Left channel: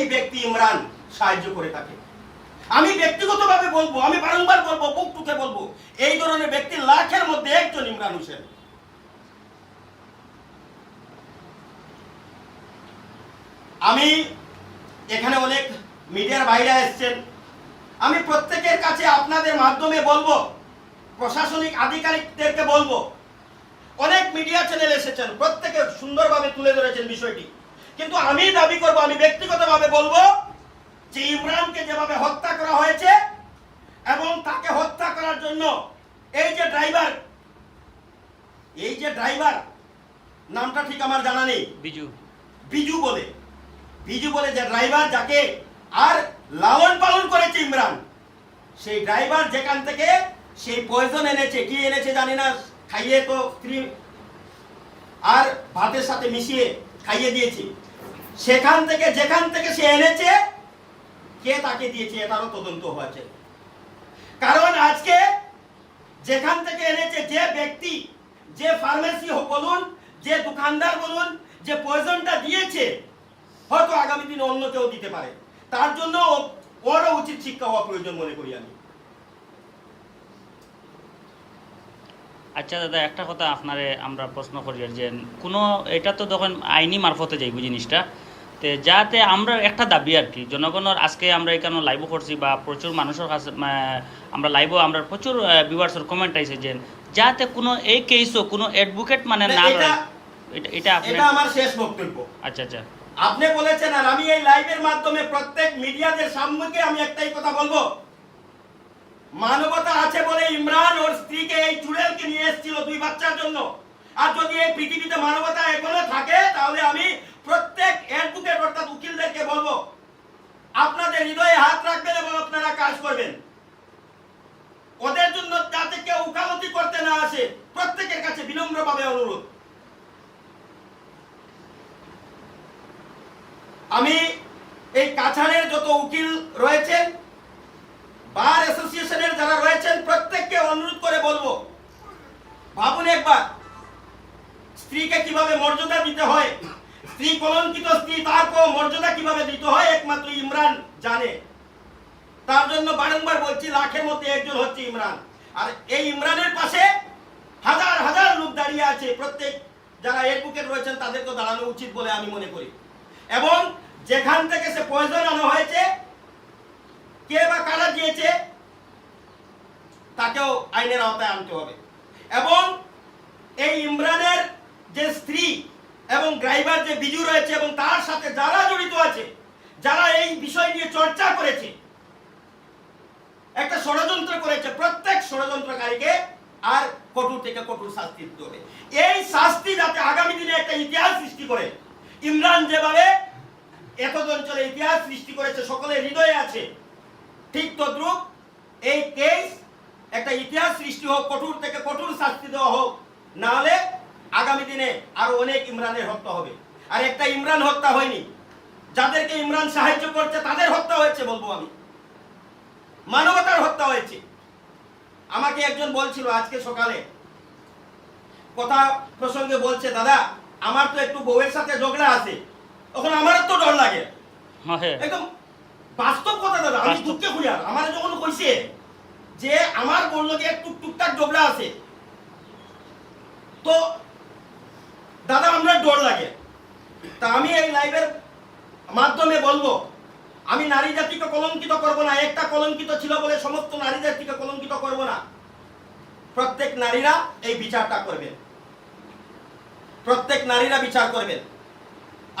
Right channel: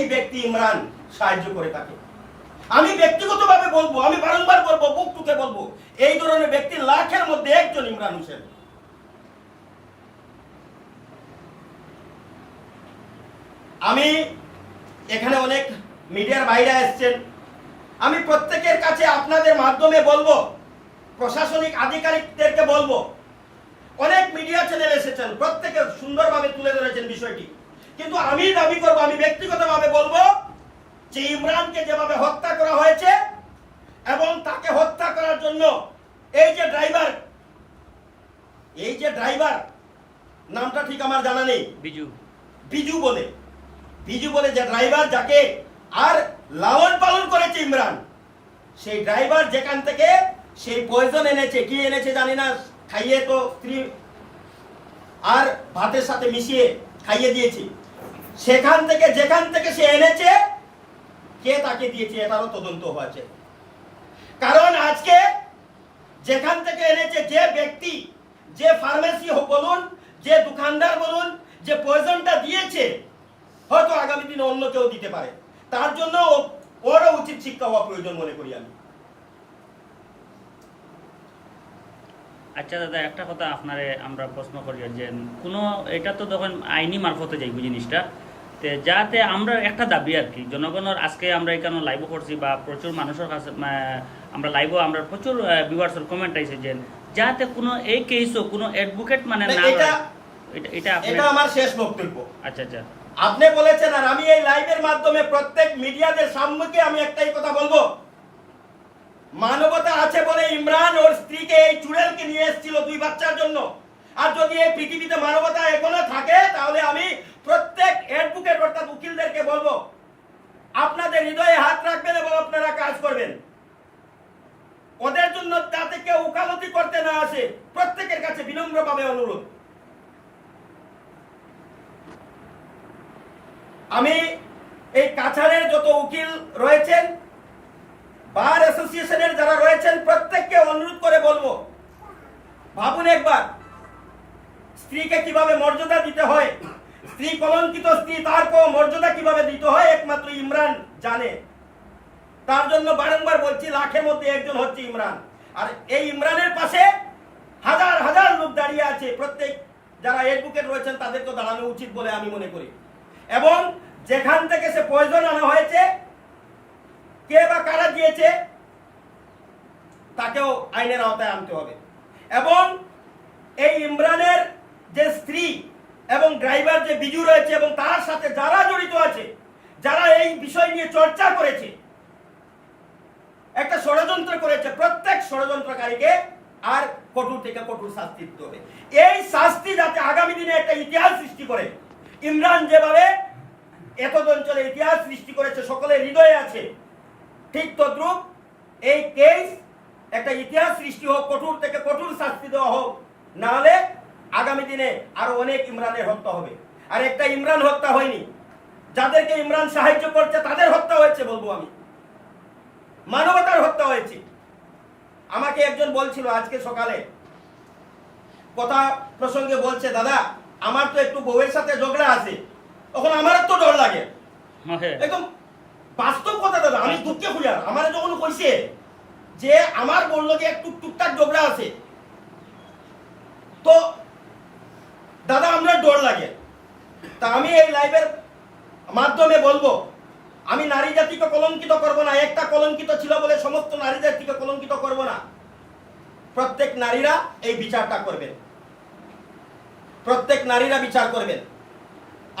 এই ব্যক্তি ইমরান সাহায্য করে থাকে। আমি ব্যক্তিগতভাবে বলবো, আমি বারংবার বলবো, বুক টুকে বলবো, এই ধরনের ব্যক্তি লাখের মধ্যে একজন ইমরান হোসেন। আমি এখানে অনেক মিডিয়ার বাইরে এসেছেন, আমি প্রত্যেকের কাছে আপনাদের মাধ্যমে বলবো, প্রশাসনিক আধিকারিকদেরকে বলবো, অনেক মিডিয়া চ্যানেল এসেছেন, প্রত্যেকে সুন্দরভাবে তুলে ধরেছেন বিষয়টি, কিন্তু আমি দাবি করবো, আমি ব্যক্তিগতভাবে বলবো যে ইমরানকে যেভাবে হত্যা করা হয়েছে এবং তাকে হত্যা করার জন্য এই যে ড্রাইভার নামটা ঠিক আমার জানা নেই, বিজু বলে যে ড্রাইভার, যাকে আর লালন পালন করেছে ইমরান, সেই ড্রাইভার যেখান থেকে সেই পয়জন এনেছে, কি এনেছে জানি না, খাইয়ে তো স্ত্রী আর ভাতের সাথে মিশিয়ে খাইয়ে দিয়েছে, সেখান থেকে যেখান থেকে সে এনেছে, কে তাকে দিয়েছে এটারও তদন্ত হয়েছে। কারণ আজকে যেখান থেকে এনেছে, যে ব্যক্তি, যে ফার্মেসি বলুন, যে দোকানদার বলুন, যে পয়জনটা দিয়েছে, হয়তো আগামী দিনে অন্য কেউ দিতে পারে, তার জন্য ওরও উচিত শিক্ষা হওয়া প্রয়োজন মনে করি আমি। আচ্ছা দাদা, একটা কথা আপনারে আমরা প্রশ্ন করি যে কোনো, এটা তো তখন আইনি মারফতে যাইব জিনিসটা, তো যাতে আমরা একটা দাবি আর কি, জনগণের আজকে আমরা এখানে লাইভ করছি বা প্রচুর মানুষের কাছে আমরা লাইভও, আমরা প্রচুর ভিউয়ার্সের কমেন্ট আইছে যে যাতে কোনো এই কেসও কোনো অ্যাডভোকেট মানে না, এটা আমার শেষ বক্তব্য। আচ্ছা, আপনি বলেছেন, আর আমি এই লাইভের মাধ্যমে প্রত্যেক মিডিয়াদের সামনে আমি একটাই কথা বলবো, মানবতা আছে বলে ইমরান ওর স্ত্রীকে এই চুড়েলকে নিয়ে এসেছিল 2 বাচ্চার জন্য। আর যদি এই পৃথিবীতে মানবতা এখনো থাকে, তাহলে আমি প্রত্যেক অ্যাডভোকেট অর্থাৎ উকিলদেরকে বলবো, আপনাদের হৃদয়ে হাত রাখবেন এবং আপনারা কাজ করবেন, ওদের জন্য যাতে কেউ উকালতি করতে না আসে, প্রত্যেকের কাছে বিনম্রভাবে অনুরোধ। আমি এই কাছাড়ের যত উকিল রয়েছেন, বার অ্যাসোসিয়েশনের যারা রয়েছেন, প্রত্যেককে অনুরোধ করে বলবো, ভাবুন একবার, স্ত্রীকে কিভাবে মর্যাদা দিতে হয়, স্ত্রী কলঙ্কিত স্ত্রী, তারপর মর্যাদা কিভাবে দিতে হয় একমাত্র ইমরান জানে। তার জন্য বারংবার বলছি, লাখের মধ্যে একজন হচ্ছে ইমরান। আর এই ইমরানের পাশে হাজার হাজার লোক দাঁড়িয়ে আছে, প্রত্যেক যারা অ্যাডভোকেট রয়েছেন তাদেরকে দাঁড়ানো উচিত বলে আমি মনে করি। এবং যেখান থেকে সে পয়জন আনা হয়েছে, কে বা কারা দিয়েছে, তাকেও আইনের আওতায় আনতে হবে। এবং এই ইমরানের যে স্ত্রী এবং ড্রাইভার যে বিজু রয়েছে এবং তার সাথে যারা জড়িত আছে, যারা এই বিষয় নিয়ে চর্চা করেছে, একটা ষড়যন্ত্র করেছে, প্রত্যেক ষড়যন্ত্রকারীকে আর কঠোর থেকে কঠোর শাস্তি দিতে হবে। এই শাস্তি যাতে আগামী দিনে একটা ইতিহাস সৃষ্টি করে, ইমরান যেভাবে এতদ অঞ্চলে ইতিহাস সৃষ্টি করেছে, সকলের হৃদয়ে আছে, ঠিক তদ্রুপ এই কেস একটা ইতিহাস সৃষ্টি হোক, কঠোর থেকে কঠোর শাস্তি দেওয়া হোক, না হলে আগামী দিনে আরো অনেক ইমরানের হত্যা হবে। আর একটা ইমরান হত্যা হয়নি, যাদেরকে ইমরান সাহায্য করছে তাদের হত্যা হয়েছে, বলবো আমি, মানবতার হত্যা হয়েছে। আমাকে একজন বলছিল আজকে সকালে, কথা প্রসঙ্গে বলছে, দাদা আমার তো একটু বউয়ের সাথে ঝগড়া আছে, তখন আমারও তো ডর লাগে, একদম বাস্তব কথা দাদা, আমি দুঃখে খুঁজার, আমার যখন কইছে যে আমার বললো যে একটু টুকটাক ঝগড়া আছে, তো দাদা আমার ডর লাগে। তা আমি এই লাইভের মাধ্যমে বলবো, আমি নারী জাতিকে কলঙ্কিত করব না, একটা কলঙ্কিত ছিল বলে সমস্ত নারী জাতিকে কলঙ্কিত করব না। প্রত্যেক নারীরা এই বিচারটা করবেন, প্রত্যেক নারীরা বিচার করবেন।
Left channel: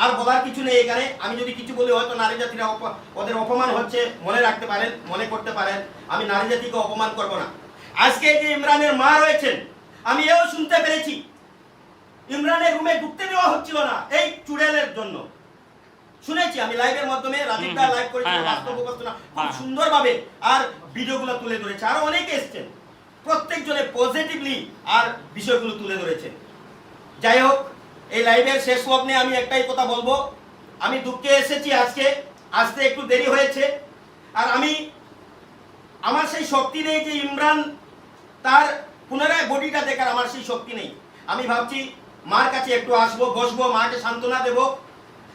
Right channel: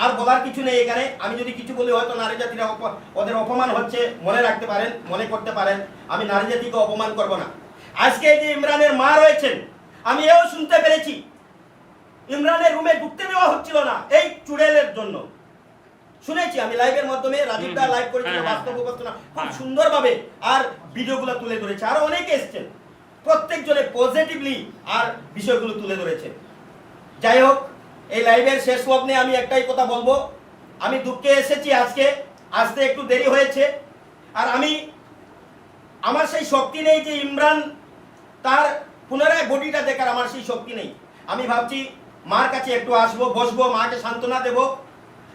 আর বলার কিছু নেই এখানে, আমি যদি কিছু বলি হয়তো নারী জাতিরা ওদের অপমান হচ্ছে, মনে রাখতে পারেন, মনে করতে পারেন, আমি নারী জাতিকে অপমান করব না। আজকে যে ইমরানের মা রয়েছেন, আমি এও শুনতে পেরেছি ইমরানের রুমে ঢুকতে দেওয়া হচ্ছিল না এই চুড়েলের জন্য, শুনেছি আমি লাইভের মাধ্যমে, রাজীবদা লাইভ করেছিল, বাস্তব উপস্থাপনা খুব সুন্দরভাবে আর ভিডিওগুলো তুলে ধরেছে, আরো অনেকে এসেছেন, প্রত্যেকজনে পজিটিভলি আর বিষয়গুলো তুলে ধরেছেন। যাই হোক, এই লাইভের শেষ লগ্নে আমি একটাই কথা বলবো, আমি দুঃখে এসেছি, আজকে আসতে একটু দেরি হয়েছে, আর আমার সেই শক্তি নেই যে ইমরান তার পুনরায় বডিটা দেখার, আমার সেই শক্তি নেই। আমি ভাবছি মার কাছে একটু আসবো, বসবো, মাকে সান্ত্বনা দেব,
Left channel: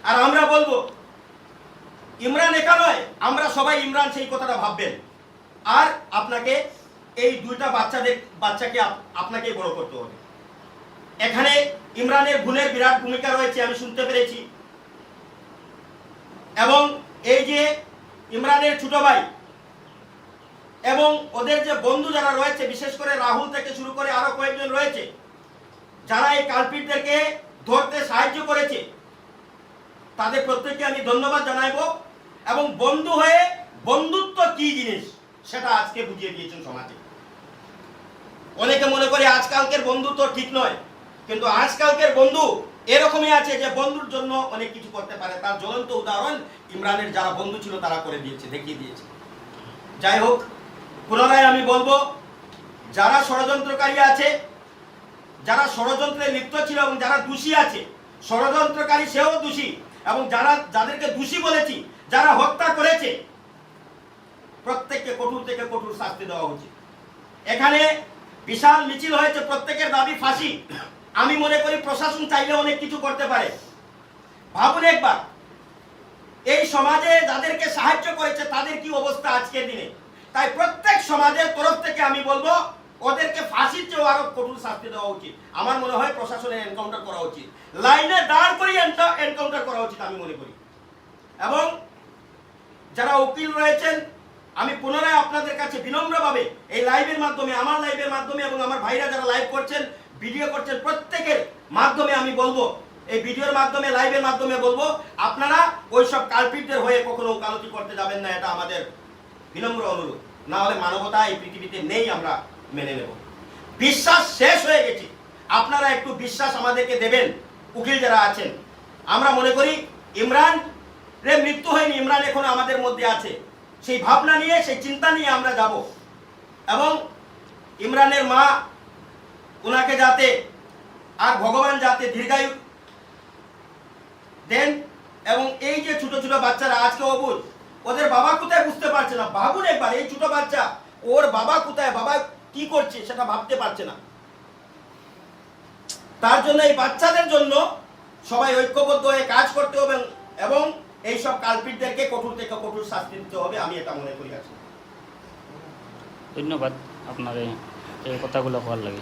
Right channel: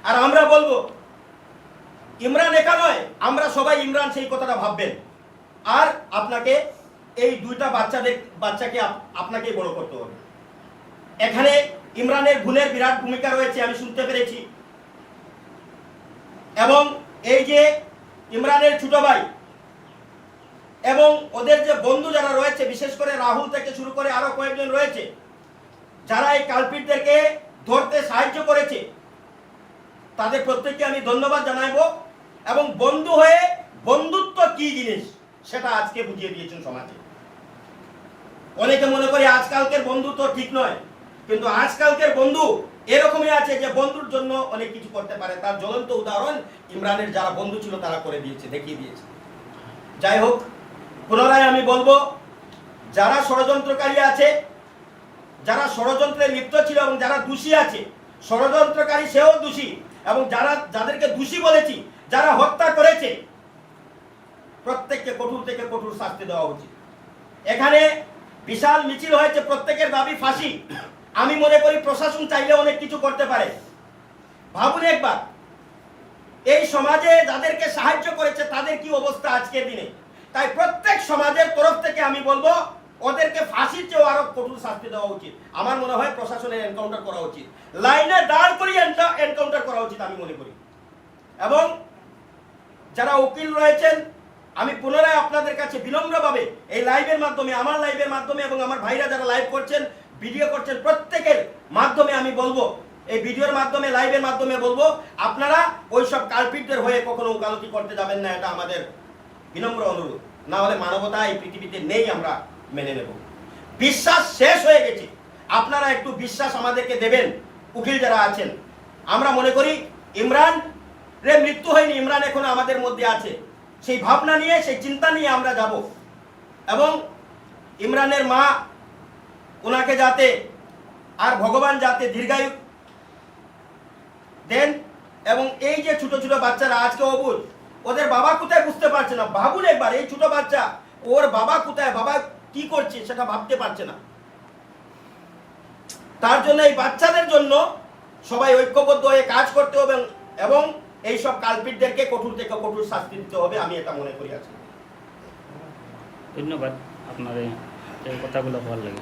আর আমরা বলবো ইমরান একা নয়, আমরা সবাই ইমরান সেই কথাটা ভাববেন। আর আপনাকে এই দুইটা বাচ্চাকে আপনাকেই বড় করতে হবে। এখানে ইমরানের গুণের বিরাট ভূমিকা রয়েছে, আমি শুনতে পেরেছি। এবং এই যে ইমরানের ছোট ভাই এবং ওদের যে বন্ধু যারা রয়েছে, বিশেষ করে রাহুল থেকে শুরু করে আরো কয়েকজন রয়েছে যারা এই কালপিটদেরকে ধরতে সাহায্য করেছে, তাদের প্রত্যেককে আমি ধন্যবাদ জানাইবো। এবং বন্ধু হয়ে বন্ধুত্ব কি জিনিস সেটা আজকে বুঝিয়ে দিয়েছেন সমাজে। অনেকে মনে করে আজকালকের বন্ধুত্ব ঠিক নয়, কিন্তু আজকালকের বন্ধু এরকমই আছে যে বন্ধুর জন্য অনেক কিছু করতে পারে। তার জ্বলন্ত উদাহরণ ইমরানের যারা বন্ধু ছিল তারা করে দিয়েছে, দেখিয়ে দিয়েছে। যাই হোক, পুনরায় আমি বলবো, যারা ষড়যন্ত্রকারী আছে, যারা ষড়যন্ত্রে লিপ্ত ছিল এবং যারা দোষী আছে, ষড়যন্ত্রকারী সেও দোষী, এবং যাদেরকে দোষী বলেছি, যারা হত্যা করেছে, প্রত্যেককে কঠোর থেকে কঠোর শাস্তি দেওয়া উচিত। এখানে বিশাল মিছিল হয়েছে, প্রত্যেকের দাবি ফাঁসি। আমি মনে করি প্রশাসন চাইলে অনেক কিছু করতে পারে। ভাবুন একবার, এই সমাজে যাদেরকে সাহায্য করেছে তাদের কি অবস্থা আজকের দিনে। তাই প্রত্যেক সমাজের তরফ থেকে আমি বলবো, ওদেরকে ফাঁসির চেয়েও আরো কঠোর শাস্তি দেওয়া উচিত। আমার মনে হয় প্রশাসনের এনকাউন্টার করা উচিত, লাইনে দাঁড় করিয়ে এনকাউন্টার করা উচিত আমি মনে করি। এবং যারা উকিল রয়েছেন, আমি পুনরায় আপনাদের কাছে বিনম্রভাবে এই লাইভের মাধ্যমে, আমার লাইভের মাধ্যমে এবং আমার ভাইরা যারা লাইভ করছেন, ভিডিও করছেন, প্রত্যেকের মাধ্যমে আমি বলবো, এই ভিডিওর মাধ্যমে, লাইভের মাধ্যমে বলবো, আপনারা ওইসব কালপিটদের হয়ে কখনো ওকালতি করতে যাবেন না। এটা আমাদের বিনম্র অনুরোধ। না হলে মানবতা এই পৃথিবীতে নেই, আমরা মেনে নেব। বিশ্বাস শেষ হয়ে গেছে, আপনারা একটু বিশ্বাস আমাদেরকে দেবেন। উকিল যারা আছেন, আমরা মনে করি ইমরান রে মৃত্যু হয়নি, ইমরান এখন আমাদের মধ্যে আছে। সেই ভাবনা নিয়ে, সেই চিন্তা নিয়ে আমরা যাব। এবং ইমরানের মা, ওনাকে যাতে আর ভগবান যাতে দীর্ঘায়ু দেন। এবং এই যে ছোট ছোট বাচ্চারা আজকে অবুঝ, ওদের বাবা কোথায় বুঝতে পারছে না। ভাবুন একবার, এই ছোট বাচ্চা, ওর বাবা কোথায়, বাবা কি করছে সেটা ভাবতে পারছে না। তার জন্য এই বাচ্চাদের জন্য সবাই ঐক্যবদ্ধ হয়ে কাজ করতে হবে এবং এই সব কালপিটদেরকে কঠোর থেকে কঠোর শাস্তি দিতে হবে, আমি এটা মনে করি। আছি। ধন্যবাদ আপনার এই কথাগুলো ভালো লাগে।